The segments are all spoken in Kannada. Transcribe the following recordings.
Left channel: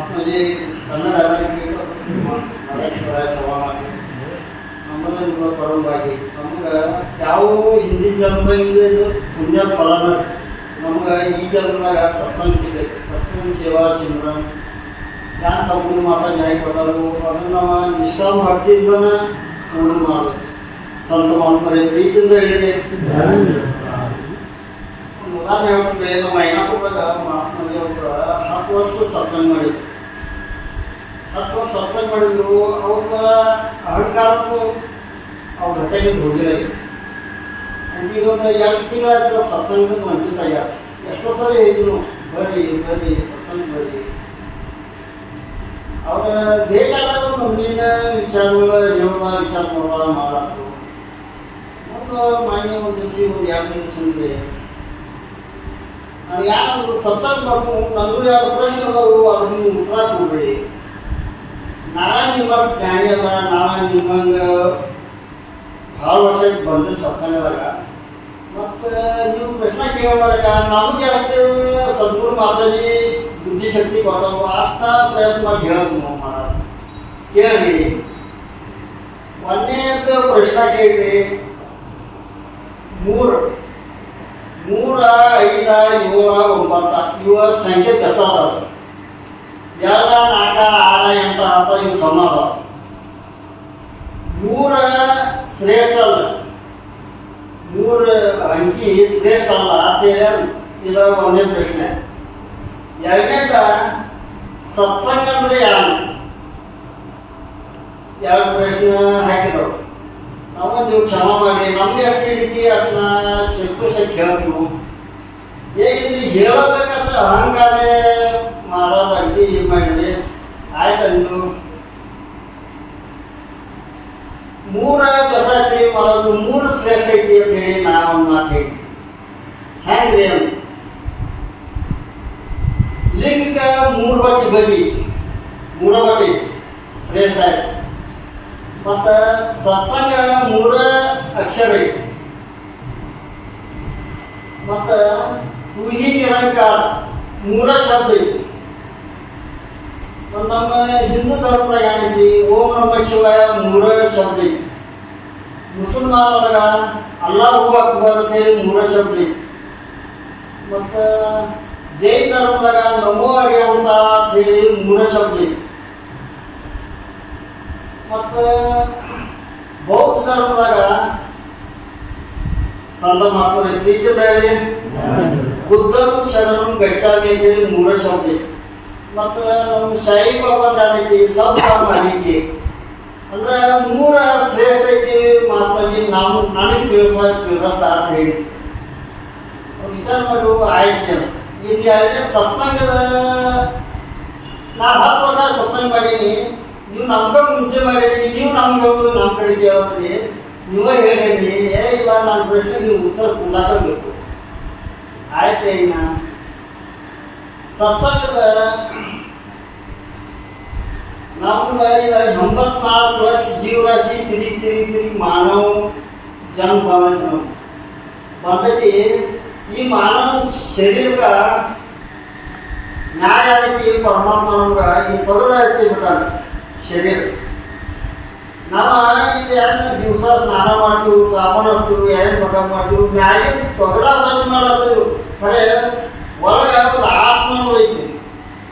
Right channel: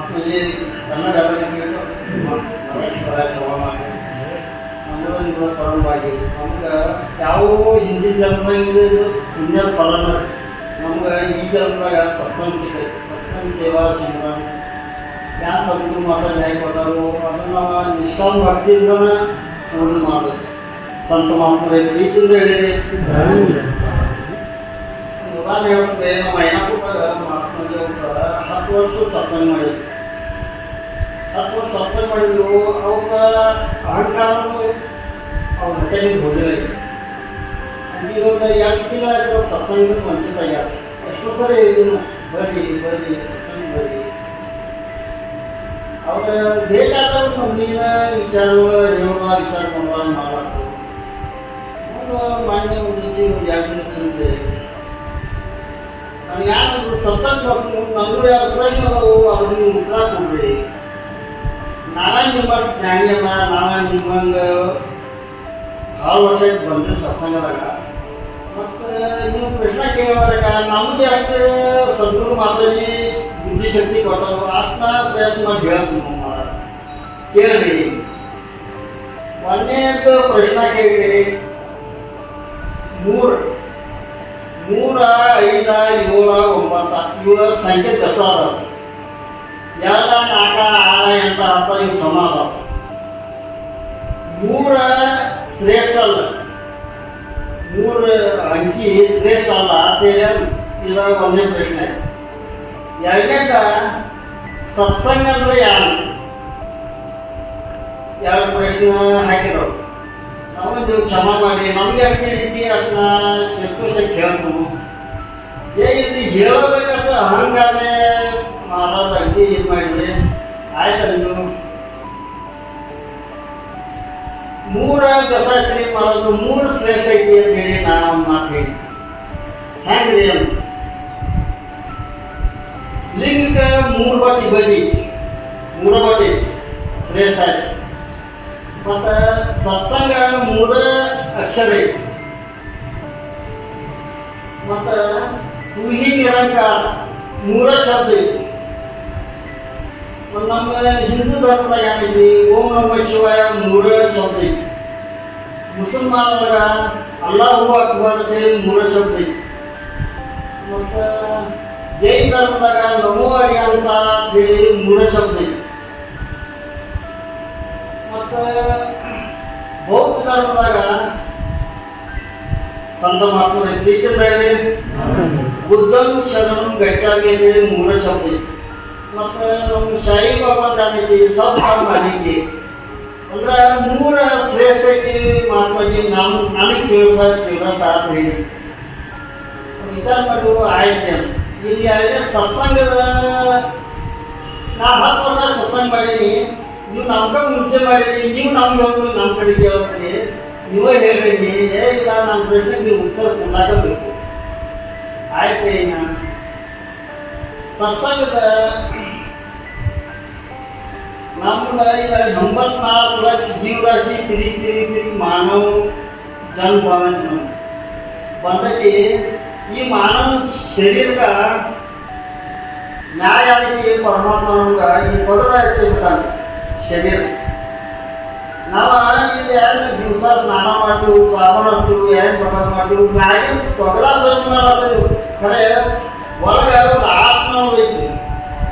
म्हणजे ಕನ್ನಡ ಎಲ್ಲರಿಗೂ ನಮಸ್ಕಾರ ನಮ್ಮದು ಪರವಾಗಿ ನಮ್ಗೆ ಯಾವ ಹಿಂದಿನ ಜನ್ಮದಿಂದ ಇದು ಪುಣ್ಯದ ಫಲನ ನಮ್ಗೆ ಈ ಜನ್ಮದಾಗ ಸತ್ಸಂಗ ಸಿಗೈತೆ ಸತ್ಸಂಗ ಸೇವಾ ಸಿಂಗ್ರಾಮ್ ಯಾರು ಸದ್ಗುರು ಮಾತಾ ನ್ಯಾಯ ಕೊಟ್ಟರು ಅದನ್ನು ನಾವು ನಿಷ್ಕಾಮ ಭಕ್ತಿಯಿಂದನೇ ಪೂರ್ಣ ಮಾಡೋದು ಸಂತ ಮಹಾತ್ಮರೇ ಪ್ರೀತಿಯಿಂದ ಹೇಳಿ ಉದಾಹರಣೆ ಹೇಳ್ಬಿಟ್ಟೆ ನಮ್ಮ ಐನಾಪುರದಾಗ ಮಹಾತ್ಮಜ 10 ವರ್ಷ ಸತ್ಸಂಗ ಮಾಡಿದ್ರು 10 ವರ್ಷ ಸತ್ಸಂಗ ಮಾಡಿದ್ರು ಅವ್ರ ಅಹಂಕಾರಕ್ಕೂ ಅವ್ರ ಹೊಟ್ಟೆಗೆ ಹೋಗಿಲ್ಲ ಈಗ ಒಂದು 2 ತಿಂಗಳಾಯ್ತು ಸತ್ಸಂಗದ ವಂಚಿತ ಆಗ್ಯಾರ ಎಷ್ಟೋ ಸರಿ ಹೇಳಿದ್ರು ಬರ್ರಿ ಬರ್ರಿ ಸತ್ಸಂಗ ಬರ್ರಿ ಅವ್ರ ಬೇಕಾದಾಗ ಮುಂದಿನ ವಿಚಾರಗಳು ಹೇಳೋದ ವಿಚಾರ ಮಾಡೋದ ಮಾಡಾಕು ಮತ್ತು ಮಾನ್ಯ ಒಂದು ದಿವಸ ಒಂದು 2 ದಿವಸ ಅಂದ್ರೆ ನಾವು ಯಾರಾದ್ರೂ ಸತ್ಸಂಗ ಬರ್ತು ನನಗೂ ಯಾವ ಪ್ರಶ್ನೆ ಅದಾವು ಅದನ್ನು ನೀವು ಉತ್ತರ ಕೊಡ್ಬೇಡಿ ನಾವೇ ನಿಮ್ಮ ಜ್ಞಾನಿ ಅಲ್ಲ ನಾವೇ ನಿಮ್ಮಂಗೆ ಭಾಳ ವರ್ಷ ಬಂದ್ರೆ ಸತ್ಸಂಗದಾಗ ಮತ್ತು ನೀವು ಪ್ರಶ್ನೆ ಕೇಳೋದಾಗ ನಮ್ಗೆ ಯಾಕೆ ಸದ್ಗುರು ಮಾತಾಜಿ ಬುದ್ಧಿಶಕ್ತಿ ಕೊಟ್ಟವು ಅಷ್ಟ ಪ್ರಯತ್ನ ಮಾಡಿ ಹೇಳ್ತೀವಿ ನಾವು ಮಾಡ ಕೇಳಬೇಡಿ ಒಂದೇದು ಪ್ರಶ್ನೆ ಕೇಳಿ 3 5 7 9 ಇವ ಸಂಖ್ಯೆ ಕಸ ಅದಾವ 2 4 6 8 10 ಇವು ಸಮ ಅದಾವ 3 ಶ್ರೇಷ್ಠ ಅಲ್ಲ 3 ಅಂಕಿ ಶ್ರೇಷ್ಠ ಅಲ್ಲ ಅಂತೇಳಿ ಇದು ಒಂದೇ ಪ್ರಶ್ನೆ ಎರಡನೇದ ಸತ್ಸಂಗ ಅಂದ್ರೆ ಯಾರು 2 ಪ್ರಶ್ನೆ ಹಾಕಿದವು ನಾವು ನೀವು ಕ್ಷಮ ಮಾಡಿ ನಮ್ಗೆ ಅಷ್ಟೇ ರೀತಿ ಅದನ್ನ ಸಂತೋಷ ಹೇಳ್ತು ಇಲ್ಲಿ ಹೇಳಬೇಕಂತ ಅಹಂಕಾರ ಮಾಡೋದು ಅಗ್ದಿ ಇದು ಮಾಡಿದ್ರಿ ಆಯ್ತು ನೀವು 3 ಕಸಾಕ್ರಿ ಮಾಡೋದು 3 ಶ್ರೇಷ್ಠ ಐತಿ ಅಂತ ಹೇಳಿ ನಾ ಒಂದು ಮಾತು ಹೇಳಿ ಹೆಂಗ್ರಿ ಅಂತ ಲಿಂಗಕ್ಕೆ 3 ಬಟ್ಟಿ ಬಡ್ಡಿ 3 ಬಡ್ಡಿ ಶ್ರೇಷ್ಠ ಆಯ್ತು ಮತ್ತು ಸತ್ಸಂಗ 3 ಅಕ್ಷರ ಐತಿ ಮತ್ತು ತುಗಿ ನಿರಂಕಾರ 3 ಶಬ್ದ ಐತಿ ನಮ್ಮ ಹಿಂದೂ ಧರ್ಮದಾಗ ಏನೈತಿ ಓಂ ನಮ ಶಿವಾಯ 3 ಶಬ್ದ ಐತಿ ಮುಸಲ್ಮಾನದಾಗ ಅಲ್ಲಾಹು ಅಕ್ಬರ್ ಅಂತ ಹೇಳಿ 3 ಶಬ್ದ ಐತಿ ಮತ್ತು ಜೈನ ಧರ್ಮದಾಗ ನಮೋ ಹರಿಹಂತ ಅಂತ ಹೇಳಿ 3 ಶಬ್ದ ಐತಿ ಮತ್ತು ಬೌದ್ಧ ಧರ್ಮದಾಗ ಸಂತ ಮಹಾತ್ಮರ ಇತ್ತೀಚೆಗೆ ಬುದ್ಧಂ ಶರಣಂ ಗಚ್ಚಾಮಿ ಅಂತ ಹೇಳಿ 3 ಶಬ್ದ ಐತಿ ಮತ್ತು ನಮ್ಮ ಶಾಹಿ ಬಾಬಾ ಜಾನೈತಿ ಸಬ್ ಮಾಹಿತಿ ಅಂದ್ರೆ 3 ಶ್ರೇಷ್ಠ ಐತಿ ಮಹಾತ್ಮಾಜಿ ನನಗೆ ತಿಳಿಸ್ತಾ ಅಂತ ಹೇಳಿ ವಿಚಾರ ಮಾಡು ಆಯ್ತು ಈಗ 2ನೇ ಸತ್ಸಂಗದ ನಾ 10 ವರ್ಷ ಸತ್ಸಂಗ ಮಾಡೀನಿ ನೀವು ನಮ್ಗೆ ಮುಂಚೆ ಮಾಡಿರಿ ನೀವು ನಮ್ಗೆ ಹೇಳೋದು ನಮ್ಮ ಕಡೆಗೆ ಹೇಳ್ರಿ ನೀವೇ ಹೇಳಿರಿ ಇಲ್ಲ ನನ್ನ ಪ್ರಶ್ನೆಗೆ ನೀವು ಉತ್ತರ ಕೊಡಾಕಬೇಕು ಆಯ್ತು ಇನ್ನು ಸತ್ಸಂಗದ ನಮ್ಗೆ ಈಗ 84 ಲಕ್ಷ ಜೀವರಾಶಿ ತಿರುಗಿ ಮಾನವ ಜನ್ಮ ಬಂದೈತಿ ಈ ಮಾನವ ಶರೀರಕ್ಕೆ ನ್ಯಾಯ ಆಗೈತಿ ಪರಮಾತ್ಮ ನಮ್ಗೆ ಈ ತೊಗಲ ಹಚ್ಚಿಬಿಟ್ಟಾನ ಶರೀರ ನಾವು ಈಗ ಏನು ದಿವಸ ಸ್ನಾನ ಮಾಡ್ತೀವಿ ಸಾಬೂನು ಹಚ್ತೀವಿ ಏನು ಬೇಕಾದ್ ಮಾಡ್ತೀವಿ ಮ್ಯಾಗಿನ ತೊಗಲ ಸ್ವಚ್ಛ ಮಾಡೋದು ಖರೆ ಒಳಗೆ ಒಂದು ಆತ್ಮ ಅನ್ನೋದೈತಿ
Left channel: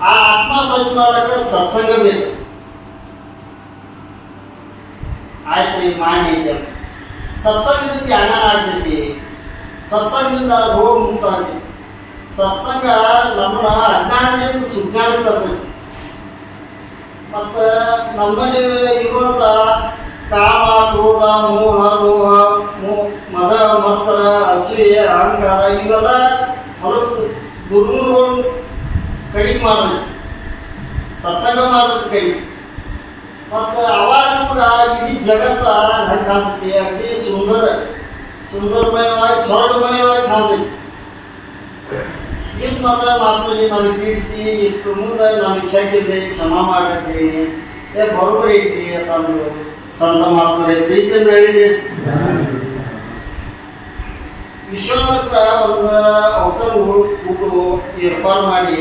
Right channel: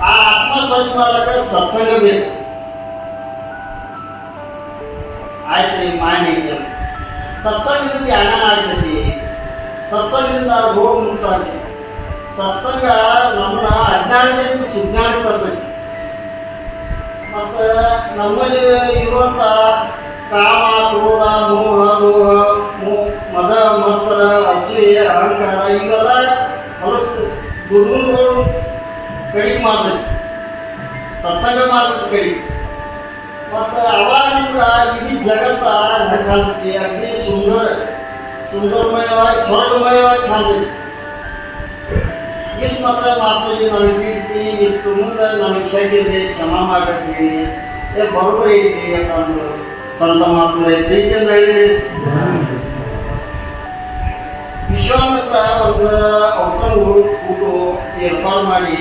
ಆ ಆತ್ಮ ಸ್ವಚ್ಛ ಮಾಡ್ಲಿಕ್ಕೆ ಸತ್ಸಂಗ ಬೇಕು ಆಯ್ತು ಈಗ ಮಾಡಿ ಸತ್ಸಂಗದಿಂದ ಜ್ಞಾನ ಆಗ್ತೈತಿ ಸತ್ಸಂಗದಿಂದ ರೋಗ ಮುಕ್ತ ಆಗ್ತೈತಿ ಸತ್ಸಂಗ ನಮ್ಮ ಅಜ್ಞಾನದಿಂದ ಸುಜ್ಞಾನ ತರ್ತೈತಿ ಮತ್ತು ನಮ್ಮಲ್ಲಿ ಇರುವಂಥ ಕಾಮ ಕ್ರೋಧ ಮೋಹ ಲೋಹ ಮದ ಮತ್ಸರ ಅಸೂಯೆ ಅಹಂಕಾರ ಇವೆಲ್ಲ ಹೊಲಸು ದುರ್ಗುಣಗಳು ಕಡಿಮೆ ಮಾಡ್ತೈತಿ ಸತ್ಸಂಗ ಮಾಡ್ತೈತಿ ಕಡಿಮೆ ಮತ್ತು ಅವಾಗ ನಮ್ಗೆ ಇಡೀ ಜಗತ್ತ ಹೆಂಗೆ ಕಾಣ್ತೈತಿ ಅಗ್ದಿ ಸುಂದರಮಯವಾಗಿ ಸ್ವರ್ಗಮಯವಾಗಿ ಕಾಣ್ತೈತಿ ಇಷ್ಟು ಮಾತ್ರ ಮಾತಾಡಿ ನನಗೆ ಕೀರ್ತಿ ಇಷ್ಟು ಮುಂದೆ ನನಗೆ ಶಕ್ತಿದೆ ಕ್ಷಮ ಮಾಡಬೇಕು ಹೇಳಿ ಬರೋಬ್ಬರಿ ಐತಿ ಅಂತಂದು ಸಂತ ಮಾತಾಡಿ ಪ್ರೀತಿಯಿಂದ ಹೇಳಿ ವಿಶ್ವಾಮಿತ್ರ ಒಂದು ಔತಣ ಊಟ ಏರ್ಪಾಡು ಮಾಡಿ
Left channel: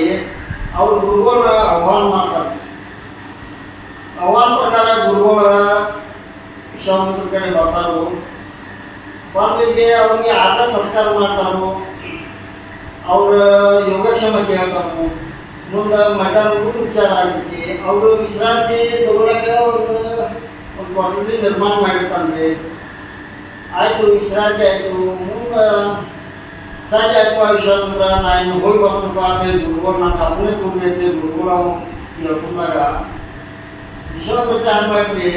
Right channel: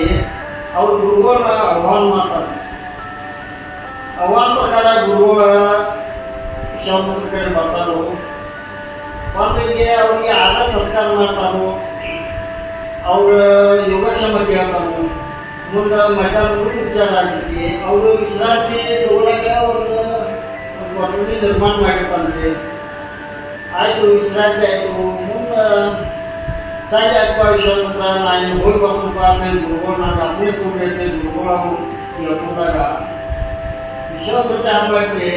ಅವ್ರ ಗುರುಗಳ ಆಹ್ವಾನ ಮಾಡ್ತಾರೆ. ಆಹ್ವಾನ ಪ್ರಕಾರ ಗುರುಗಳ ವಿಶ್ವಾಮಿತ್ರ ಕಡೆ ಬರ್ತಾರೋ, ಬಂದಿಗೆ ಅವ್ರಿಗೆ ಆಗ ಸತ್ಕಾರ ಮಾಡ್ತಾರೋ, ಅವ್ರ ಯೋಗಕ್ಷೇಮ ಕೇಳ್ತಾರೋ. ಮುಂದೆ ಮಟನ್ ಉಪಚಾರ ಆಗ್ತೈತಿ. ಅವರು ವಿಶ್ರಾಂತಿ ತಗೊಳಕ್ಕೆ ಒಂದು ಕೊಠಡಿ ನಿರ್ಮಾಣ ಮಾಡಿರ್ತಾನೆ. ಆಯಿತು, ವಿಶ್ರಾಂತಿ ಆಯಿತು. ಮುಂದೆ ಸಂಜೆ ಆಯ್ತು ವಿಶ್ವಾಮಿತ್ರ ನಾನು ಹೋಗಿ ಬರ್ತನಪ್ಪ ಅಂತ ಗುರುಗಳು ನಾನು ಅಪ್ಪನೇ ಕೊಟ್ಟಿರ್ತೀವಿ. ಗುರುಗಳು ಹೇಳ್ಕೊಂಡಾಗ ವಿಶ್ವಾಮಿತ್ರ ಏನು ಮಾಡ್ರಿ,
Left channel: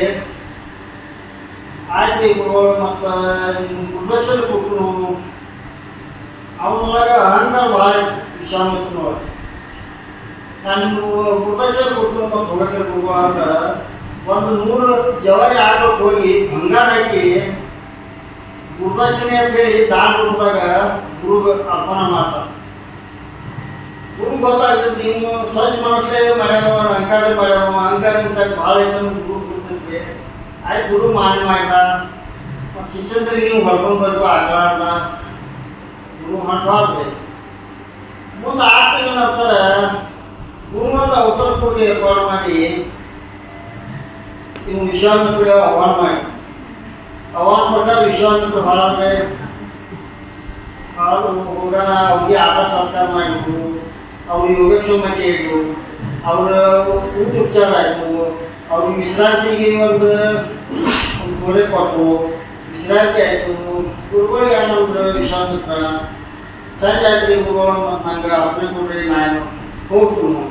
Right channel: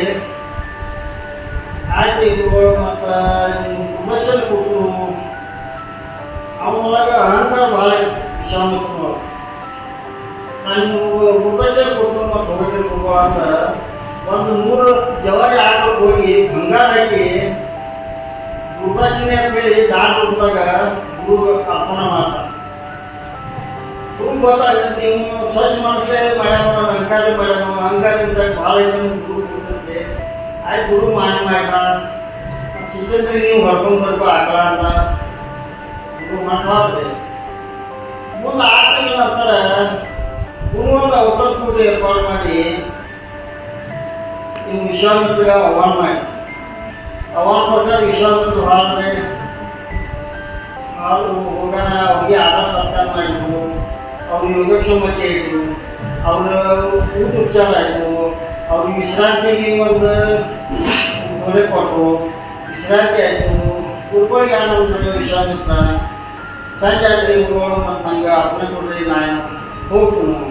ಆಯ್ತು ಗುರುಗಳು ಮತ್ತು ನಿಮ್ಮ ಪ್ರದರ್ಶನ ಕೊಟ್ಟರು. ಅವನೊಳಗೆ ಅಹಂಕಾರ ಭಾಳ ವಿಶ್ವಾಮಿತ್ರನೊಳಗೆ. ನಾನು ನಿಮ್ಗೆ ಪ್ರದರ್ಶನ ಕೊಡ್ತೀನಿ ಮತ್ತು ಹೋಗಕ್ಕೆ ಗುರುವ ಅಂತ ಒಂದು 100 ಜವಾರಿ ಆಕಳು ಹೋಗಿ ಬಂಗಾರ ಹಾಕಿ ಗುರುದಕ್ಷಿಣೆ ಅಂತ ಹೇಳಿ ದಾನ ಹೋದಾಗ ಗುರು ಅರ್ಪಣೆ ಮಾಡ್ತಾರೆ. ಗುರು ಗೊತ್ತಾಗ್ತದೆ ನೀವು ಸ್ವಚ್ಛ ಮನಸ್ಸೇ ಮಾಡ್ಯಾನೋ ಅಹಂಕಾರ ಮಾಡ್ಯಾನೋ, ಅಹಂಕಾರ ನಿಂತಾಗ ಭಾಳ ಐತೆ ಗುರು ಗೊತ್ತಿರುತ್ತೆ. ಆಯ್ತು ಗುರು ಮಾಡ್ತಾ ಶಿಷ್ಯಂದ್ರಿಗೆ ನೀವು ಹೊಡ್ಕೊಂಡು ಬರ್ಬೇಕು ಆಕಳ ಅಂತ ಗುರು ಮಾಡ್ಬಾರ್ದು. ಮುಂದೆ 6 ತಿಂಗಳ ನಂತರ ಗುರು ಅಂತ ಅವತಾರ ಕೊಟ್ಟು ಏರ್ಪಾಡು ಮಾಡಿ ನೀವು ವಿಶ್ವಾಮಿತ್ರಿಗೆ ಆಹ್ವಾನ ಮಾಡಿ. ಆಹ್ವಾನ ಪ್ರಕಾರ ವಿಶ್ವಾಮಿತ್ರ ಹೋದ್ರೆ ಆದರೂ ಹೋಗೋಣ. ಅವ್ರಿಗೆ ಆಧಾರ ಸತ್ಕಾರ ಮಾಡಿದ್ರು, ಅವ್ರಿಗೆ ಯೋಗಕ್ಷೇಮ ಕೇಳಿದ್ರು, ಅವ್ರ ಊಟ ಉಪಚಾರ ಆಯಿತು. ಅವ್ರಿಗೆ ವಿಶ್ರಾಂತಿಗೆ ಒಂದು ಕೊಡೆ ಕೊಟ್ಟರು, ವಿಶ್ರಾಂತಿ ಆಯಿತು. ಗುರುಗಳಿಗೆ ಏನಂದ್ರೆ ವಿಶ್ವಾಮಿತ್ರ ಸಂಜೆ ಆಯ್ತು ಗುರುಗಳು ಮತ್ತು ನಂಗೆ ಅಪ್ಪನೆ ಕೊಡ್ರಿ ನಾನು ಹೋಗ್ತೀನಿ.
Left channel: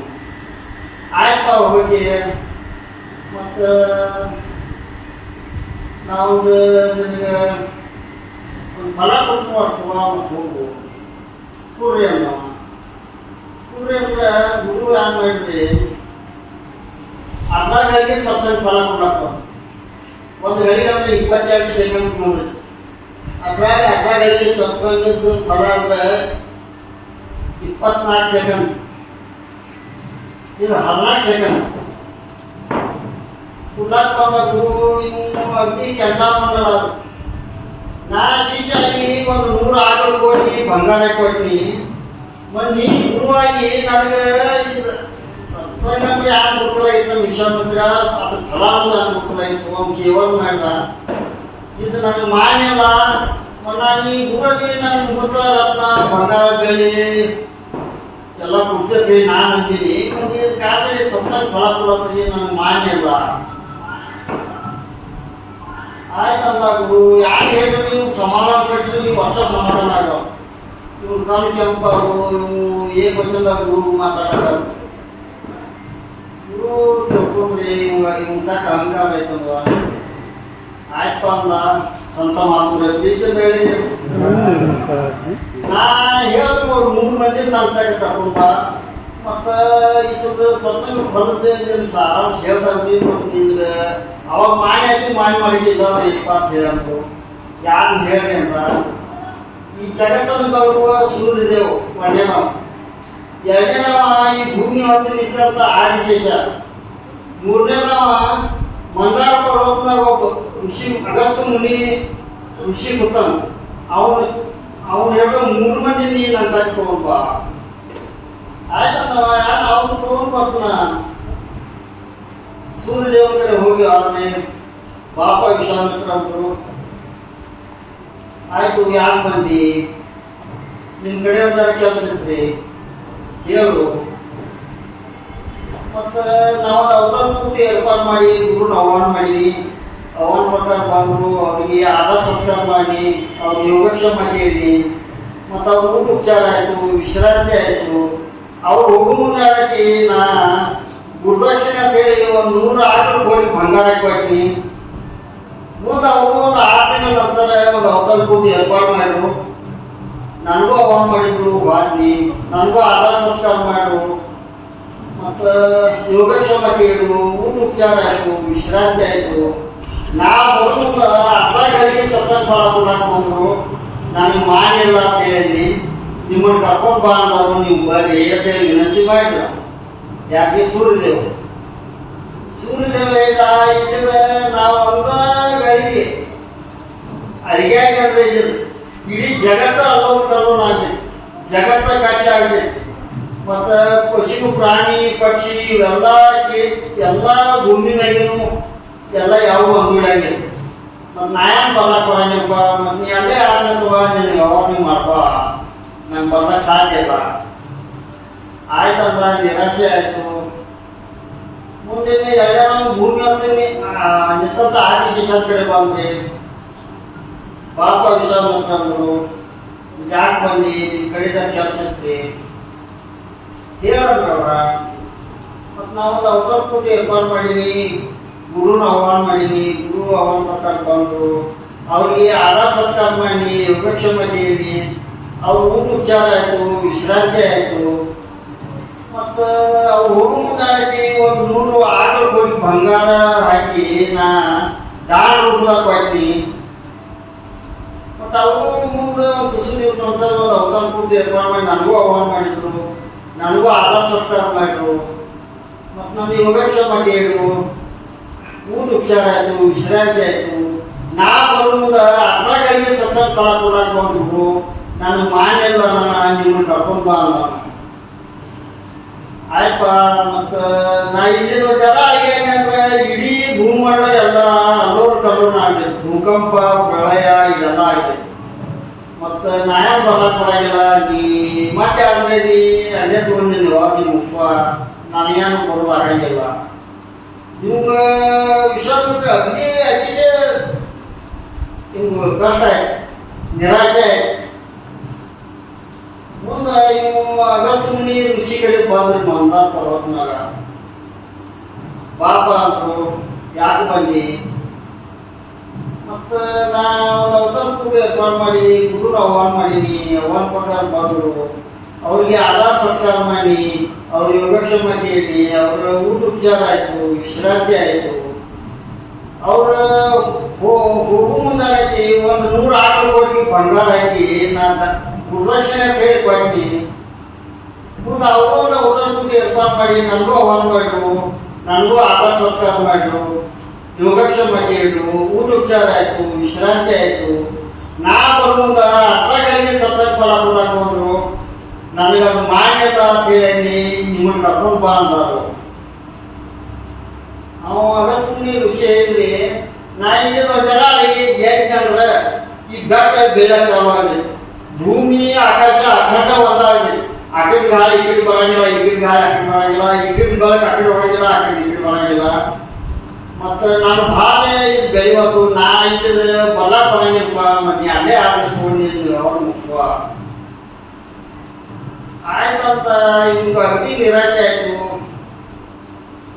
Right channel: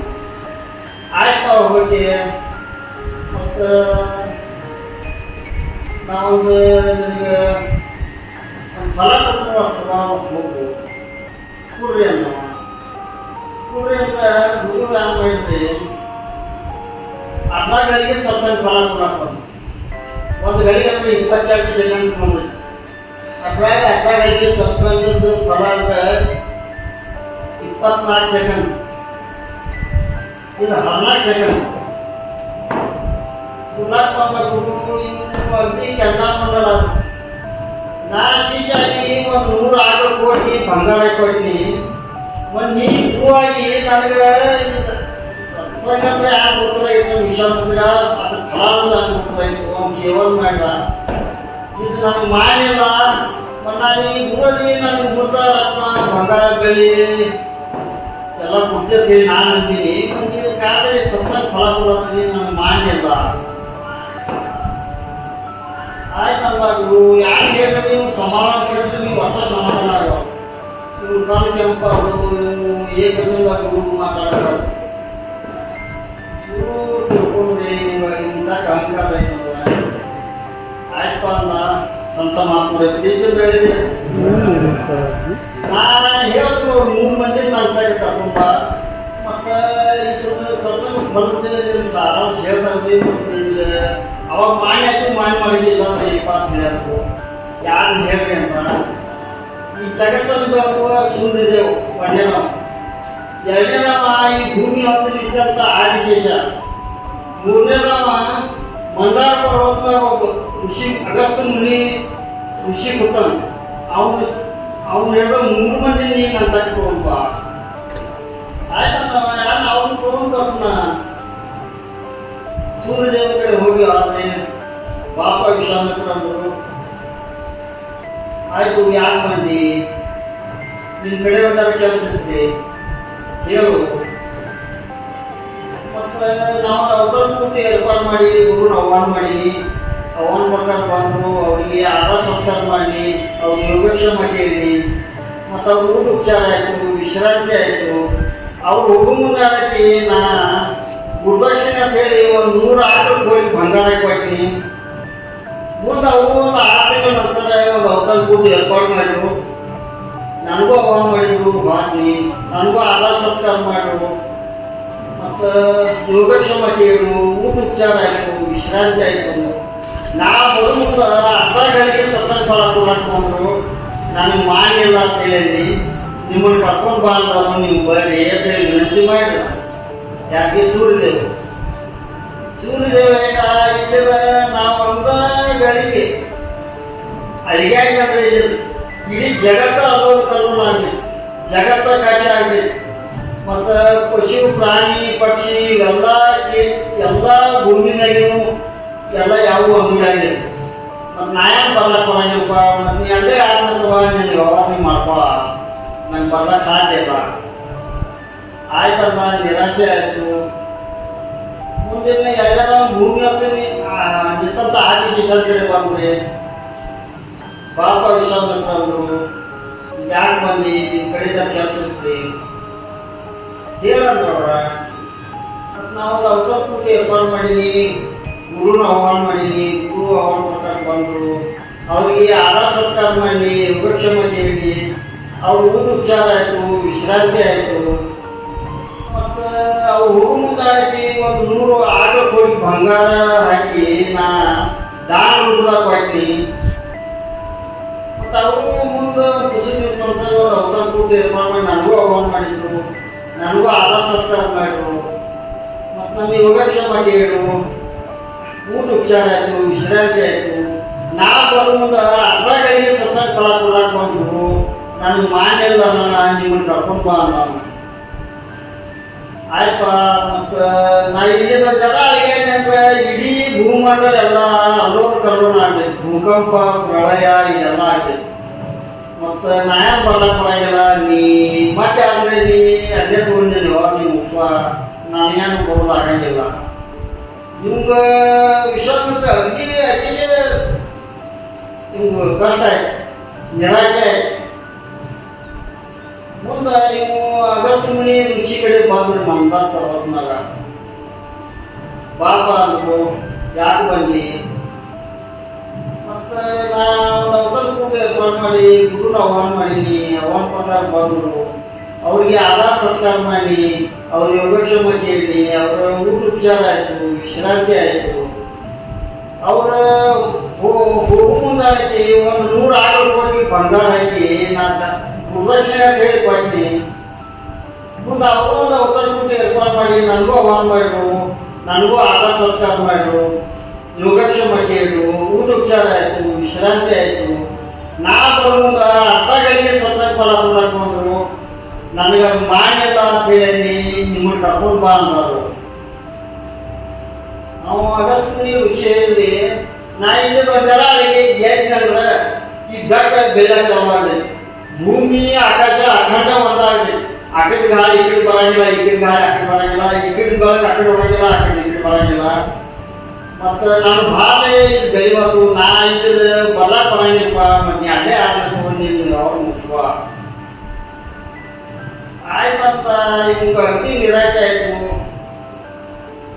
ಆಯ್ತಪ್ಪ ಹೋಗಿ ಮತ್ತು ನಾವೊಂದು ನಿನಗೆ ಒಂದು ಫಲ ಕೊಟ್ಟು ಮಾಡ್ತೀವ ಮತ್ತು ಹೋಗು ಕೊಡ್ರಿ ಅನ್ನೋ. ಕೊಡ್ರಿ ಅಂದ್ರೆ ಗುರು ಏನು ಮಾಡಿದ್ರಿ, ಅರ್ಧ ಗಳಿಗೆ ಸ್ವಲ್ಪ ಸ್ವಲ್ಪ ಫಲ ಕೊಡಕ್ಕೆ ಒಂದು ಗಳಿಗೆ ಅಂದರೆ 22 ಸೆಕೆಂಡ್ ಬಂದ್ರಿ. ಅದ್ರಾಗ ಅರ್ಧ ಗಳಿಗೆ ಸತ್ಸಂಗದ ಫಲ ಅಂದರೆ 24 ಸೆಕೆಂಡ್, ಇದು 14 ಸೆಕೆಂಡ್. ಕುಡ್ಲಾಕ್ ಬಂದ ಗುರು ನಿಮ್ಮ ಅಗ್ದಿ ಕೆಂಡ ಮಂಡಲ. ನಾ ಶಿಷ್ಯಾಗಿ ಒಂದು 100 ಆಕಳು ಕೊಟ್ಟು ಬಂಗಾರ ಕೊಟ್ಟು ಒಂದು ನೀ ಗುರುವಾಗಿ ನನಗೆ ಸತ್ಸಂಗ ಅಂದರೆ ಯಾರು ಗೊತ್ತಿಲ್ಲ. ವಿಶ್ವಾಮಿತ್ರ ಅದ್ರ ಫಲ ಯಾಕೆ ಗೊತ್ತಿಲ್ಲ. ಅವ್ನು ಕೇವಲ ಮಾಡಿದ ಇದು ನನಗೆ ಮಾಡಿಲ್ಲ. ನಾನು ಈ ಗುರುಗೆ ನನಗೆ ಮುತ್ತ ರತ್ನ ಬಂಗಾರ ಬೆಲೆ ಎಲ್ಲ ಕೊಡ್ತೇವೆ ನಾನು ಅಂತೀನಿ. ಮತ್ತೆ ಕಾಸಿಗೆ ಸತ್ಸಂಗ ಫಲ ಕೊಡತ್ತೀನಿ ನನಗೆ ಮಾಡಿಲ್ಲ. ಆಯ್ತಂದಾಗು ಯಾರು ಹೇಳಿದ್ರೆ ನೀವು ಸಮಾಧಾನ ಪಡಿಸಿದ್ರೆ ನೀವು ಒಟ್ಟ ಸಮಾಧಾನ ಆಗೋ. ಇವ್ರು ಕಣ್ಣು ಕೆಂಪಾಗು, ಇವು ಏಕವಚನದಾಗ ಗುರು ಮಾತಾಡೋದು ಗುರು ತಿಳ್ಕೊಂಡ್ರಿ ಇಂಥ ಅಹಂಕಾರ ಐತಂದ. ಆಯ್ತಪ್ಪ ಅಂದ ಸಂತ ಮಾಡ್ತಾರೆ ಪ್ರೀತಿ ಬೆಳಿ. ನಾ ಹೇಳಿದ್ರು ಅವ್ರು 3 ಮಂದಿ ನನ್ನ ತಗ ತಗೊಂಡ ಮತ್ತು ಇದೊಂದು ಸತ್ಸಂಗ ಬರುತ್ತೆ ಸಾರಾಂಶ ಹೇಳ್ತಾರೆ. ಕೊಡ್ತಿದ್ರೆ ಅವಾಗ ಮಾಡಿ ಮಾಡಿದ್ದಿಲ್ಲ ಇಪ್ಪ ಅಂತ ಹೇಳಂತು. ಯಾರು ಹೇಳಿ ಅಂತ ಈ ಜಗತ್ತನ್ನು ಬರುವ ಸೂರ್ಯದೇವ್ ಒಂದೇನವ, ಎರಡನೇದವ ಈ ಭೂಮಿ ಹೊತ್ತು ನಿಂತ ಆದಿಶೇಷ, ಮೂರನೇದವ ಮಂದಾರ ಪರ್ವತನಾಗ ಒಬ್ಬ ಋಷಿ ಅಗಸ್ತ್ಯ ಮುನಿ ಋಷಿ ಕೂತಾನ. ಅವನು ಹೇಳಿದ 3 ಮಂದಿ ನೀನು ನನ್ನ ತಕ್ಕ ತಗೊಂಡ್ಬ. ಆಯ್ತಂದವ ಯಾರು ಅವ್ನು ತಗೊಂಡು ಬರ್ತಾನ. ಸೂರ್ಯದೇವ ಕಡೆ ಹೋಗಿ ಆದ್ರೆ ಪಾಪ ವಿಶ್ವಾಮಿತ್ರ ಅಂದರು. ಆಯ್ತು ಯಾಕೆ ಬಂದು ನಿಮ್ಮ ಕಡೆ ಒಂದಾರ ಕೆಲಸ ಇರುತ್ತೆ ಹೇಳು. ಮತ್ತು ನಾವು ಅವತಾರ ಕೂಟಿ ಏರ್ಪಾಡು ಮಾಡಿ ಗುರುನ ಆಹ್ವಾನ ಮಾಡೀನಿ. ಆಹ್ವಾನ ಪ್ರಕಾರ ಬಂದು ಅವರಿಗೆ ಆಧಾರ ಸತ್ಕಾರ ಮಾಡಿ ಅವ್ರಿಗೆ ಯೋಗಕ್ಷೇಮ ಕೇಳಿ ಮತ್ತು ಅವ್ರ ಊಟ ಉಪಚಾರ ಆಯಿತು, ವಿಶ್ರಾಂತಿ ಆಯಿತು. ಅವ್ರು ಹೋಗೋ ಮುಂದೆ ಅದಕ್ಕೆ ನಾ ಗುರುದಕ್ಷಿಣೆ ಅಂತ ಹೇಳಿ ಒಂದು 100 ಆಕಳು ಹೋಗಿ ಬಂಗಾರ ಕೊಟ್ಟಿ. ಮುಂದೆ ಅವರು ಒಂದು 6 ತಿಂಗಳ ನಂತರ ಒಂದು ಅವತಾರ ಕೂಟಿ ಏರ್ಪಾಡು ಮಾಡಿದ್ರು. ನನಗೂ ಆಹ್ವಾನ ಮಾಡಿದ್ರು, ಬಾದ್ನಿ ನನಗೂ ಆಧಾರ ಸತ್ಕಾರ ಮಾಡಿದ್ರು ಮತ್ತು ಯೋಗಕ್ಷೇಮ ಕೇಳು, ಊಟ ಉಪಚಾರ ಆಯಿತು, ವಿಶ್ರಾಂತಿ ಆಯಿತು. ನಾ ಮೊದಲು ಅರ್ಧ ಗಳಿಗೆ ಸತ್ಸಂಗ ಫಲ ಕೊಡಕ್ಕೆ ಬಂದರು. ನನಗೆ ಮಾಡಿಲ್ಲ ಅಂತ ಹೇಳಿ ನಿಮ್ಮನ್ನು ಕರ್ಕೊಂಡು ಬಾ ಅಂದವರು, ನೀವು ಬರ್ರಿ ಅಂತ ಹೇಳಿ ವಿನಂತಿ ಮಾಡಿದ್ರು. ಯಾಕೆ ಸೂರ್ಯದೇವ ಈಗ ಇಲ್ಲಿದ ನಾವು ಅಂದ ಗಳಿಗೆ ಅಡಿಗೆ ಯಾಕಂದ್ರೆ ಇಡೀ ಜಗತ್ತ ಅಲ್ಲೋರು ಕಲ್ಲೋನ್ ಆಗಲಿ, ಜಗತ್ತ ಕಾಟಿ ಆಗಲಿ. ಮತ್ತು ಪಶು ಪ್ರಾಣಿ ಪಕ್ಷಿ ಇವೆಲ್ಲ ಎಲ್ಲ ಭೂಮಿ ಮ್ಯಾಗಿನೂ ಎಲ್ಲ ಯಾವುವು ಅಂಗಡಿಯಾಗಿರು ಮತ್ತು ನಾ ಏನು ಬರ್ಲಕ್ಕೆ ಬರಂಗಿಲ್ಲಪ್ಪ ಮತ್ತು ನೀ ಅಲ್ಲೇ ಆಡ್ಬೇಕು ನೀನು ಯಾವಾಗ ನೀವು ಮಾಡ್ಕೊ ನಂಗೆ ಬರ್ಲಕ್ಕೆ ಸಾಧ್ಯ ಇಲ್ಲ ಆಯ್ತಲ್ಲ ನಿರಾಶೆ ಆಯಿತು. ಮುಂದಿನ ಎಲ್ಲ ಭೂಮಿ ಹೋಗ್ತೀನಿ ನಿಂತ ಆದಿಶೇಷ ಕಡೆ ಬಂದ್ರಿ ಪಾಪ ವಿಶ್ವಾಸಂದ್ರು ಯಾಕೆ ಬಂದು ನಿಮ್ಮ ಕಡೆದ ಕೆಲಸ ಇರ್ತಿ ಹೇಳಂದ್ರವ್ರ ಮತ್ತು ನಾವು ಅವತಾರ ಪೂಜೆ ಏರ್ಪಾಡು ಮಾಡೀನಿ, ಗುರುನ ಆಹ್ವಾನ ಮಾಡೀನಿ, ಗುರು ಆಹ್ವಾನ ಪ್ರಕಾರ ಬಂದರು, ಅವ್ರಿಗೆ ಆಧಾರ ಸತ್ಕಾರ ಮಾಡಿ ಯೋಗಕ್ಷೇಮ ಹೇಳಿ ಅವ್ರ ಊಟ ಉಪಚಾರ ಆಯಿತು, ವಿಶ್ರಾಂತಿ ಆಯಿತು. ಮತ್ತು ಅವ್ರು ಹೋಗೋ ಮುಂದಾಡಿಸಿ ಒಂದು 100 ಆಟೋ ಕೋಡಿ ಬಂಗಾರ ಹಾಕಿ ನಾ ದಾನ ರೂಪದಾಗ ಕೊಡ್ತೀನಿ. ಮತ್ತು ಅವರು ಮುಂದೆ ತುಸು ದಿವಸ ನಂತರ ಒಂದು ಅವತಾರ ಪೂಜೆ ಏರ್ಪಾಡು ಮಾಡಿ ನನಗೂ ಆಹ್ವಾನ ಮಾಡಿದ್ರು, ನನಗೂ ಆಧಾರ ಸತ್ಕಾರ ಮಾಡಿದ್ರು. ಮತ್ತು ನನ್ನ ಯೋಗಕ್ಷೇಮ ಹೇಳು, ಊಟ ಉಪಚಾರ ಆಯಿತು, ವಿಶ್ರಾಂತಿ ಆಯಿತು. ನಾ ಬರೋ ಮುಂದೆ ಅರ್ಧ ಕೈಗೆ ಸತ್ಸಂಗ ಫಲ ಕೊಡಕ್ಕೆ ಬಂದ್ರು, ನನಗೆ ಮಾಡಿಲ್ಲ ನಾನು ನಿಮ್ಮನ್ನು ಕರ್ಕೊಂಡು ಬಾ ನಾನು ಆಯ್ಪ. ಮತ್ತು ನಾ ಇಲ್ಲಿದ್ದ ಜನ ಏನಂದ್ರೆ ಇಡೀ ಭೂಮಂಡಲ ಎಲ್ಲ ಅಲೋಕ ಕಲೋನ ಆಗಿದೆ, ಭೂಕಂಪ ಪ್ರಳಯ ಇದೆಲ್ಲ ಆಗಿದೆ. ಮತ್ತು ನಾ ಏನು ಬರ್ಲಕ್ಕೆ ಬರಂಗಿಲ್ಲ, ನೀ ಮತ್ತೆ ಆಲ್ರೆಡಿ ಅಲ್ಲೇ ತೊಗೊಂಡಿನಿ ಯಾವಾಗ ನೀವು ಮುಗಿಸುವ ನನಗೇನು ಬರೋದು ಆಗಂಗಿಲ್ಲ. ನಿಮ್ಗೆ ವಿಶ್ವಾಮಿತ್ರ ಅಗದಿ ಅತಿಶಯ ನಿಮ್ಗೆ ಕಷ್ಟ ಆಯ್ತು, ನಿರಾಶೆ ಆಯ್ತು. ಮುಂದೆ ಇವು ಅಗಸ್ತ್ಯ ಮುನಿ ಋಷಿ ಕಡೆ ಬಂದ್ರಿ ಮಂದ ಪರ್ವತನಾಗ ಪಾಪ ಅಂದರು, ಯಾಕೆ ಬನ್ನಿ. ಮತ್ತು ನಾ ಒಂದು ಅವಸರ ಕೂಡ ಏರ್ಪಾಡು ಮಾಡಿ ಗುರುನ ಆಹ್ವಾನ ಮಾಡೀನಿ, ಆಹ್ವಾನ ಪ್ರಕಾರ ಬಂದರು. ಅವ್ರಿಗೆ ಆಧಾರ ಸತ್ಕಾರ ಮಾಡಿ ಅವ್ರ ಯೋಗಕ್ಷೇಮ ಕೇಳಿ ಅವರ ಊಟ ಉಪಚಾರ ಆಯಿತು, ವಿಶ್ರಾಂತಿ ಆಯಿತು. ಅವರ ಹೋಗು ಮುಂದಾಗೈತಿ ಒಂದು 100 ಆಟೋ ಕೋಟಿ ಬಂಗಾರ ಹಾಕಿ ನಾನು ಗುರುದಕ್ಷಿಣೆ ಅಂತ ಹೇಳಿ ಕೊಟ್ಟಿ. ಮುಂದೆ ಅವರು ಒಂದು ಅವತಾರ ಪೂಜೆ ಏರ್ಪಾಡು ಮಾಡಿ ನನಗೂ ಆಹ್ವಾನ ಮಾಡಿದ್ರು, ನನಗೂ ಆಧಾರ ಸತ್ಕಾರ ಮಾಡಿದ್ರು, ಯೋಗಕ್ಷೇಮ ಕೇಳಿದ್ರು, ಊಟ ಉಪಚಾರ ಆಯಿತು, ವಿಶ್ರಾಂತಿ ಆಯಿತು. ನಾ ಬರುವಂದ ಅರ್ಧ ಕೈಗೆ ಸತ್ಸಂಗ ಫಲ ಕೊಡಕ್ಕೆ ಬಂದರು, ನನಗೆ ಅದು ಮಾಡಿಲ್ಲ ಅಂತ ಹೇಳಿ ನಿಮ್ಮನ್ನು ಕರ್ಕೊಂಡು ಬಾ ಅಂದರು. ನಾವು ಅಗಸ್ತ್ಯ ಮುನಿ ವಿಷಯ ಹೇಳಿ ನಾ ಇಲ್ಲಿಂದ ಜನ ಏನಂದ್ರೆ ಈ ಬೆಟ್ಟ ಬೆಲೆ ಚಾಲಾಗಿದೆ, ಭೂಮಿ ಆಕಾಶ ಅಖಂಡ ಒಂದಾಗಿದೆ. ಆ ಕಡೆ ಗಾಳಿ ಈ ಕಡೆ ಬರಂಗಿಲ್ಲ, ಈ ಕಡೆ ಗಾಳಿ ಆ ಕಡೆ ಬರಂಗಿಲ್ಲ, ಈ ಕಡೆ ಬರೋಕೆ ಆ ಕಡೆ ಹೋಗಂಗಿಲ್ಲ, ಆ ಕಡೆ ಈ ಕಡೆ ಬರಂಗಿಲ್ಲ. ಮತ್ತು ನಾನು ಭಾಳ ಇದು ಬೆಳೆಯೋದು ನಾ ಇಲ್ಲಿದ ಬರ್ಲಕ್ಕೆ ಬರಂಗಿಲ್ಲಪ್ಪ, ಮತ್ತು ಅಲ್ಲೇ ಆಗಬೇಕು ನೀನು ಅವ್ರು ಮುಗಿಸುವ ಆಯ್ತಂತ. ನಿಮ್ಗೆ ಅಗದಿ ನಿರಾಶೆ ಆಯಿತು.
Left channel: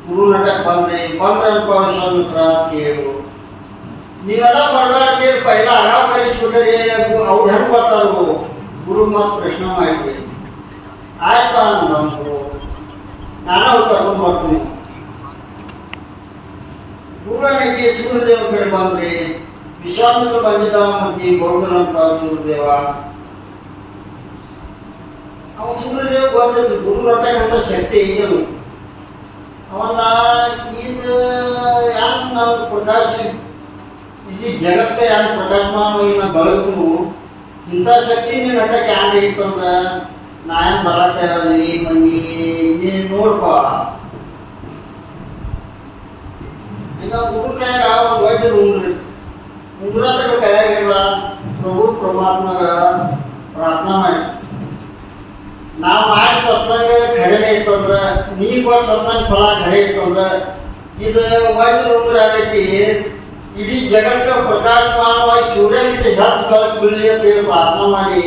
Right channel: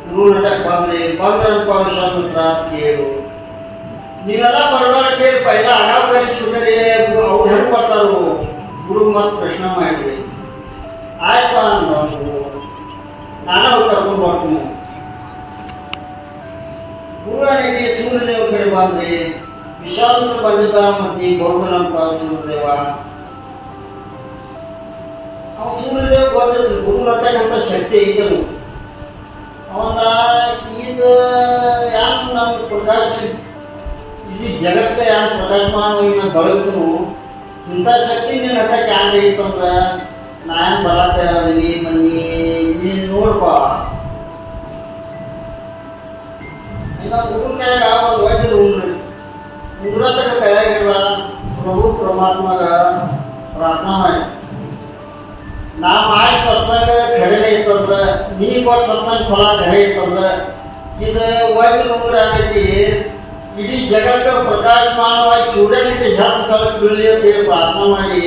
ಗುರುನಟಕ್ಕೆ ಬಂದ್ರಪ್ಪ ವಿಶ್ವಾಮಿತ್ರ ಕೇಳು, ನೀವೆಲ್ಲ ಬರಬೇಡ ಕೇಳಿ ಪೈಲ ಅಗಾವ ಕಲಿಸ್ಬಿಟ್ಟರೆ ಅವ್ರು ಹೆಂಗೆ ಬರ್ತಾರೋ ಗುರು ಮತ್ತು ಪ್ರಶ್ನೆ ಮಾಡಿದ್ರಿ. ಆಯ್ತ ಅಂದರು, ನಾನೇ ಅವ್ರು ಕರ್ಕೊಂಡು ಬರ್ತೀನಿ. ಗುರುವನಿಗೆ ಸೂರ್ಯದೇವ ಕಡೆ ಬಂದ್ರಿ. ವಿಶ್ವಾಮಿತ್ರ ಬಂದಿದ್ದ ಮತ್ತು ಬೌದ್ಧನಂತ ಸೂರ್ಯದೇವ. ಅವ ಸೂರ್ಯದೇವ ಬಂದಿದ್ರು, ಗುರುನಟಕ್ಕಂಥ ಶಕ್ತಿ ಐತನು. ಅವನ್ನ ಇದು ಯಾರು ನಾವು ಪ್ರಕಾಶ ಇಡೀ ಜಗತ್ತೇ ಯಾರು ಪ್ರಕಾಶಮಾನವಾಗಿ ಬೆಳಗ್ತನು ಇಂಥ ಶಕ್ತಿ ನೀನು ಹಟ್ಟಕ್ಕೆ ಯಾರು ಇತ್ತಂದ್ರೆ ನಾನು ಬರತ್ತೆ ಇರೋದೀನಿ ಬನ್ನಿ ನೀನು ನೋಡ್ಪ. ಈಗ ಉಗುರು ಕೈಯಾಗ ಒಂದು ವಯಸ್ಸು ಉಗುರ ಕೈಯಾಗಿಲ್ಲ. ಪ್ರಭು ಪರಮಾತ್ಮಗ ಪ್ರಾರ್ಥನಾ ಮಾಡಿ ನಾ ಮಾಡಿ ಸತ್ಸಂಗ ಖರೇನೆ ಇತ್ತಂದ್ರೆ ನೀ ಕೊಟ್ಟು ಸತ್ಸಂಗ ಫಲ ಖರೆ ಇತ್ತಂದ್ರೆ ಇದು ವಯಸ್ಸು ಉಗುರ ಆಗೈತಿ. ಇಡೀ ಜಗಕ್ಕೆ ಪ್ರಕಾಶಮಾನವಾಗಿ ಸೂರ್ಯನಿಂದ ಹೆಚ್ಚು ಬೆಳಕು ಬೀಳಲಿ ಅಂತ ಹೇಳಿ ಪ್ರಾರ್ಥನೆ ಮಾಡಿ